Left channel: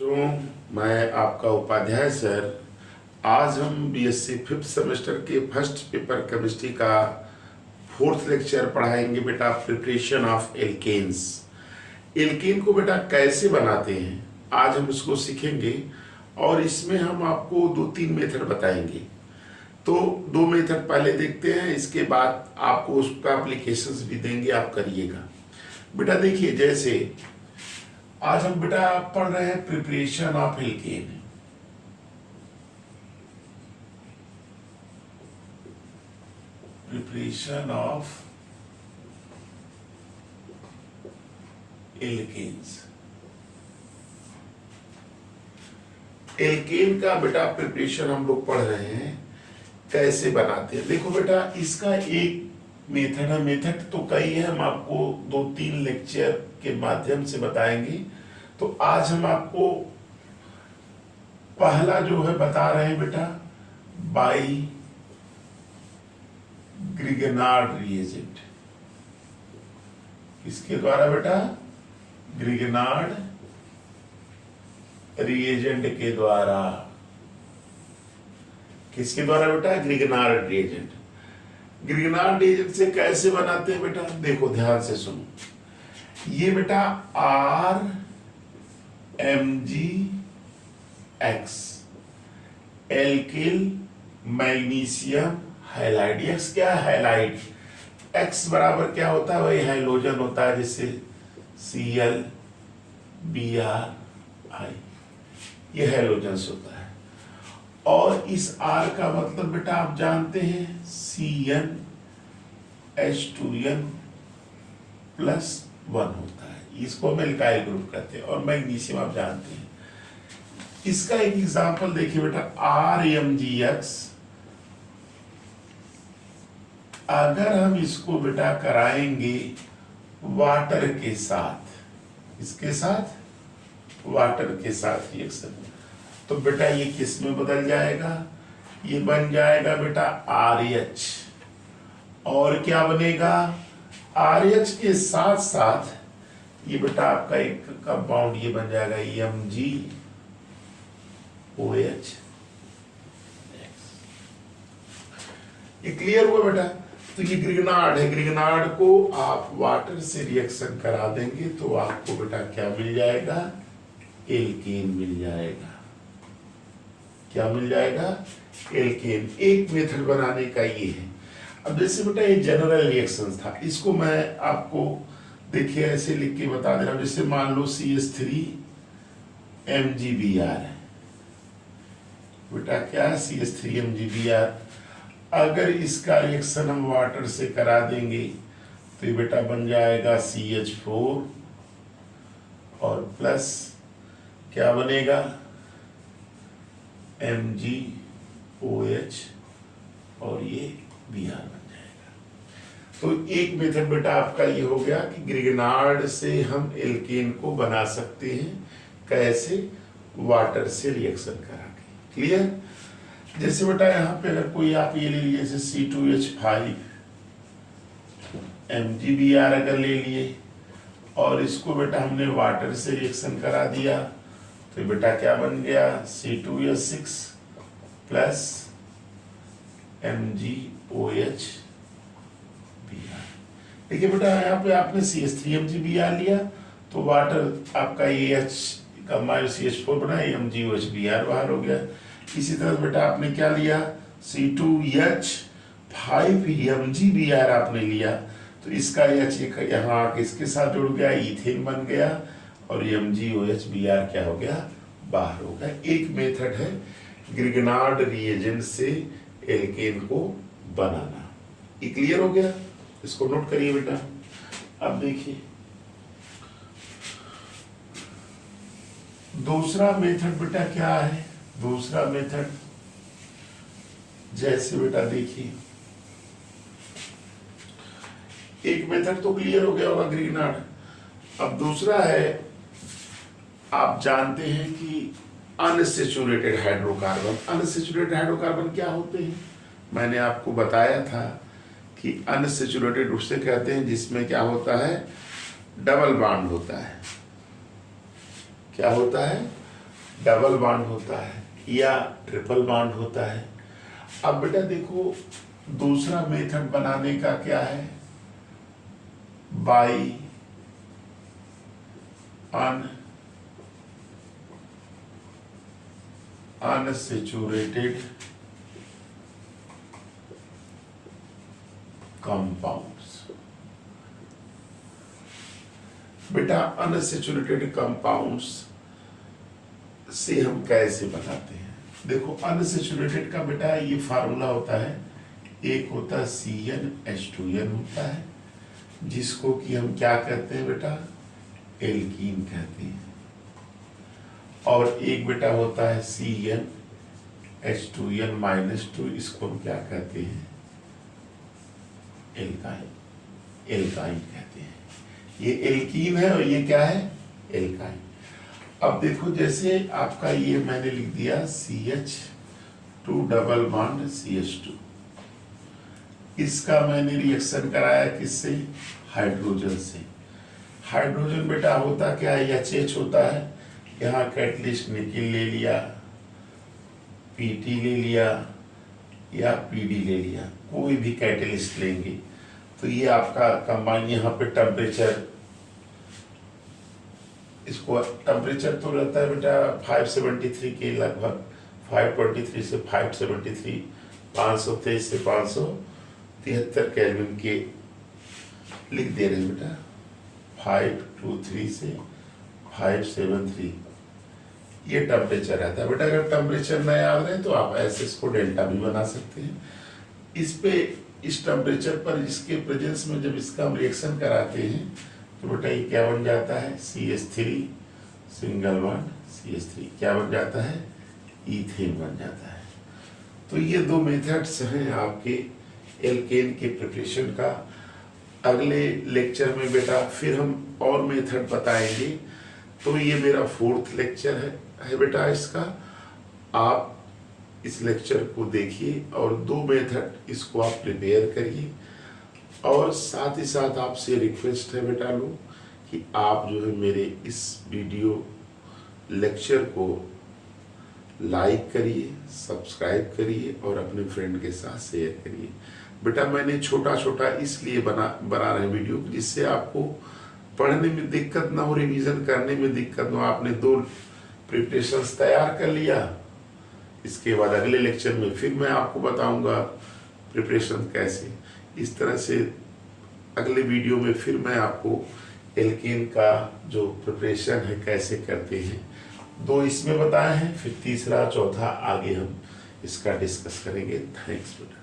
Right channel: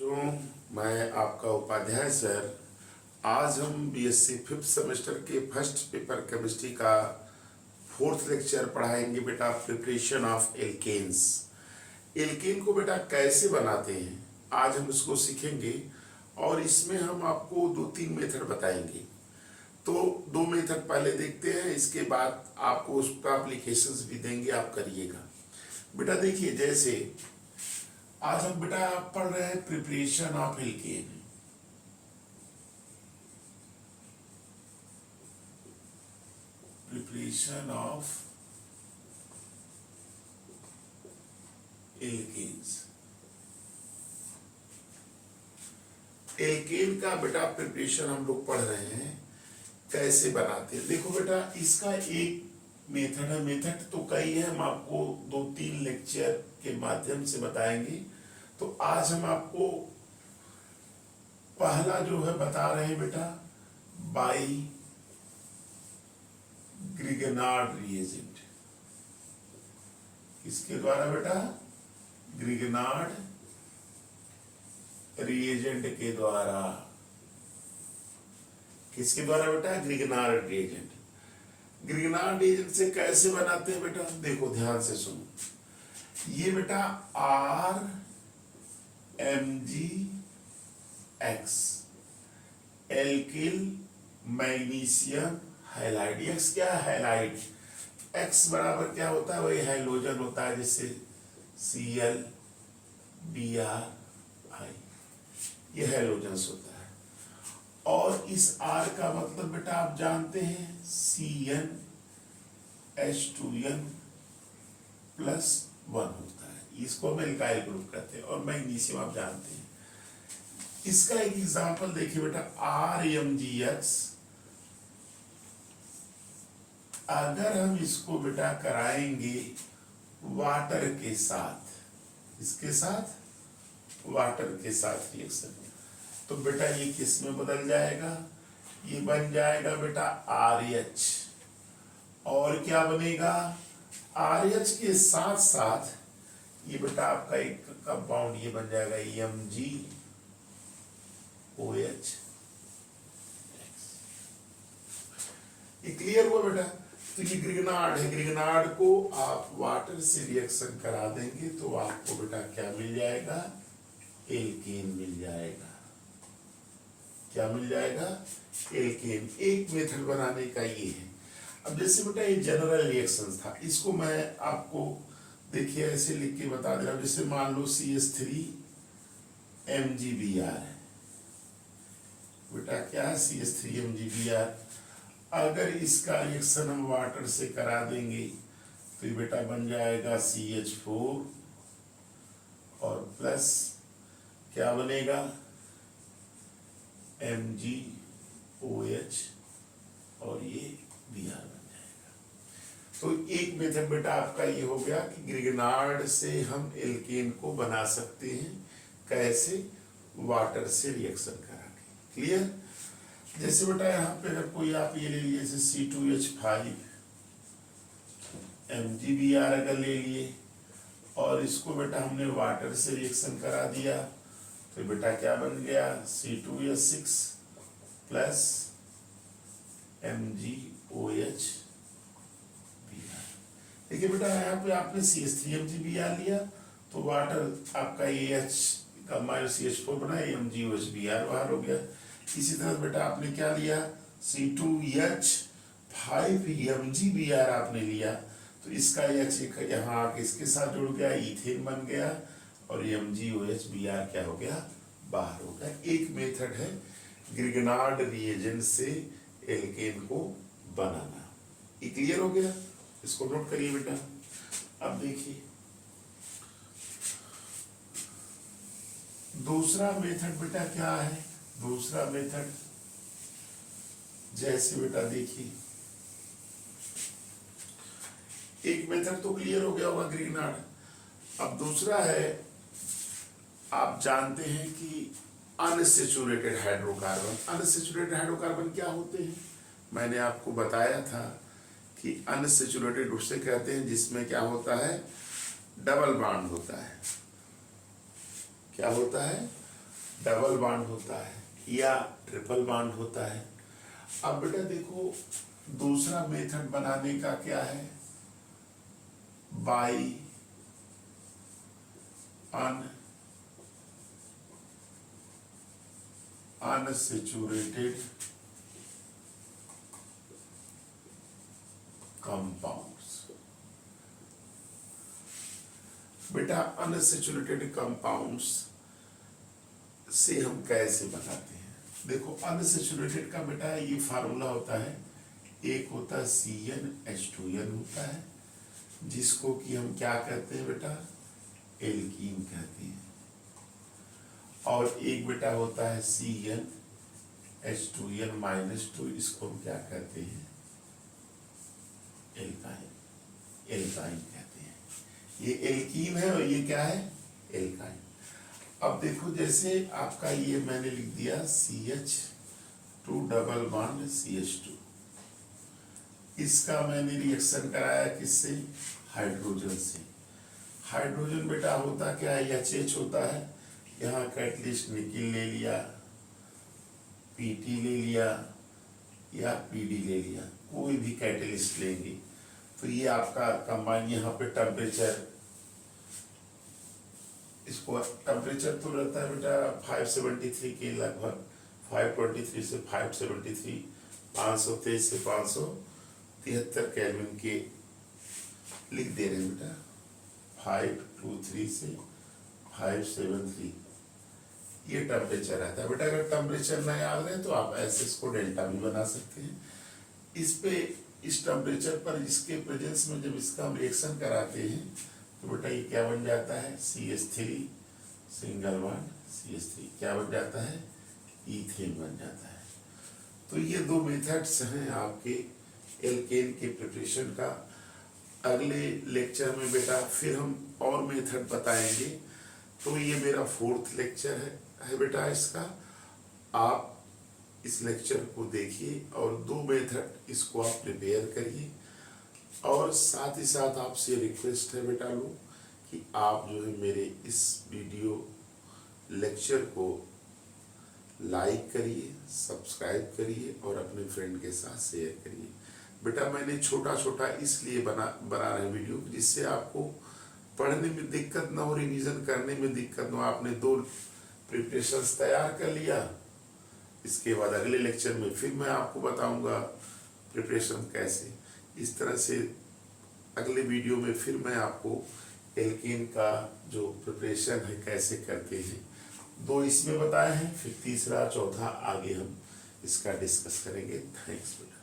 तो मैं आपका उपाध्याय सर। आज हम बीएससी फिफ्थ सेमेस्टर के फर्स्ट पेपर केमिस्ट्री का फोर्थ लेक्चर पढ़ाएंगे बेटा, प्रिपरेशन ऑफ एल्केन्स। एल्केन को बेटा कैसे बनाते हैं आज हम इसको सीखेंगे, और इसमें हम आपको 2-3 मेथड बताएंगे। तो 2 मेथड पहले देखते हैं, इसके बाद आपको उसका एप्लीकेशंस भी देंगे, आप करिएगा बेटा। देखिए, जैसे आज हम बेटा पढ़ रहे हैं preparation of alkene. Preparation of alkenes. Alkene का बेटा प्रिपरेशन हम लोग पढ़ रहे हैं, कैसे बनाते हैं। देखो बेटा, इसका एक मेथड है, मेथड तो कई है, हम आपको 2-3 लेक्चर के माध्यम से बताएंगे। तो आज हम आपको पहला जो है बता रहे हैं बेटा, बाई ग्रिगनार्ड रिएजेंट। किसके द्वारा बेटा? ग्रिगनार्ड रिएजेंट के द्वारा। किसके द्वारा बेटा? Grignard reagent. ग्रिगनार्ड रिएजेंट से कैसे बनाते हैं बेटा? देखो ध्यान से सुनो। ये बेटा RMgX alkyl magnesium halide. X क्या है? हैलाइड। एक्स बराबर क्या होता है? वही हाइड्रोजन होता है, जैसे ClBrI, ये हैलोजेंस होता है। और इस R का मतलब बेटा आप जानते हैं, CnH2n+1 होता है, इसको हम एल्काइल ग्रुप कहते हैं। और मैग्नीशियम आप जानते हैं। इसका एक एग्जांपल देखिए बेटा, RMgX। अगर हम इसको बेटा कराएंगे वाटर के साथ, इसके साथ वाटर के साथ रिएक्शन, तो बेटा ये किस में बदल जाएगा? ये बन जाएगा बेटा RH। और क्या बनेगा? RH के साथ साथ ये बेटा आपका एक कंपाउंड ये बन जाएगा MgOH। ये क्लियर हुआ बेटा? तो ये ग्रिगनार्ड है, ग्रिगनार्ड को आप वाटर से रिएक्शन करा देंगे तो आपको बेटा क्या मिल जाएगा? एल्केन मिल जाएगा। क्या मिल जाएगा? एल्केन। एक मेथड बनाने का ये है। अब जैसे बेटा ये जनरल रिएक्शन था, इसको मैं आपको देखिए ऐसे लिख के बता दे रहा हूं। जैसे मान लो CH3MgBr है बेटा, क्या है? CH3MgBr। अगर इसका रिएक्शन हम वाटर से करा देंगे तो ये बेटा बन जाएगा CH4 और प्लस क्या बनेगा? MgOH, और ये Br बन जाएगा। तो एक मेथड बेटा आपका ये हो गया कि ग्रिगनार्ड से हम एल्केन को बना सकते हैं। कैसे? वाटर से रिएक्शन करा के। क्लियर? जैसे बेटा यहाँ पे अगर कोई आप ये ले लिए, जैसे C2H5MgBr अगर ले लिए, और इसको बेटा हमने वाटर से रिएक्शन करा दिया, तो बेटा क्या बन गया? C2H6 plus MgOH Br। देखिए बेटा यहाँ पे आपने CH3MgBr लिया तो वाटर आपका AH का CH4 बना, MgOH Br बाहर हो गया। इसी तरह बेटा आपने क्या लिया? C2H5MgBr आपने लिया, तो इसका H यहाँ आके इसके साथ जुड़ गया, इथेन बन गया, और MgOH Br क्या हो गया? बाहर हो गया। एक मेथड है ग्रिगनार्ड रिएजेंट से एल्केन को बनाना। ये क्लियर हो गया? इसको नोट करिए बेटा। अब देखिए दूसरा मेथड बेटा क्या है? दूसरा मेथड जैसे बेटा देखिए, एक मेथड तो क्लियर हो गया होगा ग्रिगनार्ड। अब दूसरा है, आप जानते हैं कि अनसैचुरेटेड हाइड्रोकार्बन। अनसैचुरेटेड हाइड्रोकार्बन क्या होते हैं? मैंने आपको बताया था कि अनसैचुरेटेड उससे कहते हैं जिसमें क्या होता है? डबल बॉन्ड होता है। क्या होता है? डबल बॉन्ड होता है या ट्रिपल बॉन्ड होता है। अब बेटा देखो दूसरा मेथड बनाने का क्या है, बाई अनसैचुरेटेड कंपाउंड्स। बेटा अनसैचुरेटेड कंपाउंड्स से हम कैसे बताते हैं, देखो अनसैचुरेटेड का बेटा ये फार्मूला होता है, एक होता है CnH2n होता है, जिसको कि हम क्या कहते हैं बेटा, एल्कीन कहते हैं, और एक बेटा होता है CnH2n-2, इसको हम क्या कहते हैं, एल्काइन, एल्काइन कहते हैं। ये एल्कीन है और ये क्या है, एल्काइन। अब देखो जैसे आपका ये मैंने लिख दिया CH2 डबल बॉन्ड CH2, इसका मैंने रिएक्शन कराया किससे, हाइड्रोजन से। हाइड्रोजन बेटा होता क्या है, HH होता है, यहाँ कैटलिस्ट निकिल ले लिया, PT ले लिया या PD ले लिया, कोई भी कैटलिस्ट लेंगे तो ये आपका कंबाइन, यहाँ पे टेम्परेचर, इसको टेम्परेचर तो रहता है बेटा 573 के लगभग, 523 से 573, 523 से 573 केल्विन के लिख दे रहे हैं बेटा, 523 से 573 ये टेम्परेचर रहता है बेटा। अगर टेम्परेचर न याद रहे तो आप ऐसे इसको डेल्टा भी बना सकते हैं। इस पे इस टेम्परेचर पर इसके प्रेजेंस में जब इसका हम रिएक्शन कराते हैं तो बेटा ये क्या बन जाता है, CH3 सिंगल बॉन्ड CH3 क्या बन जाता है, ईथेन बन जाता है। तो ये दो मेथड्स हैं आपके एल्केन के प्रिपरेशन का। अगले लेक्चर में बेटा फिर हम और मेथड बताएंगे। तो ये मेरा 4th लेक्चर है बेटा इसका, आप इस लेक्चर को देखिए और 2 मेथड इसको आप प्रिपेयर करिए। और साथ ही साथ आपसे रिक्वेस्ट है बेटा लोग कि आप जो है मेरे इस वीडियो लेक्चर को लाइक करिए, सब्सक्राइब करिए और अपने फ्रेंड के साथ शेयर करिए। बेटा मैंने छोटा छोटा इसलिए बना रहे वीडियो जिससे आपको पढ़ने में दिक्कत ना हो, रिवीजन करने में दिक्कत ना हो। आपने 2 प्रिपरेशंस तैयार कर लिया, इसके बाद अगले लेक्चर में फिर मैं आपको बताऊंगा प्रिपरेशन कैसे। इस तरह से अगले वीडियो में फिर मैं आपको एल्केन का जो प्रिपरेशन है कैसे करते हैं, 2 इसमें बताए हैं, फिर तीसरा चौथा आगे हम इसका डिस्कस करेंगे। थैंक्स बेटा।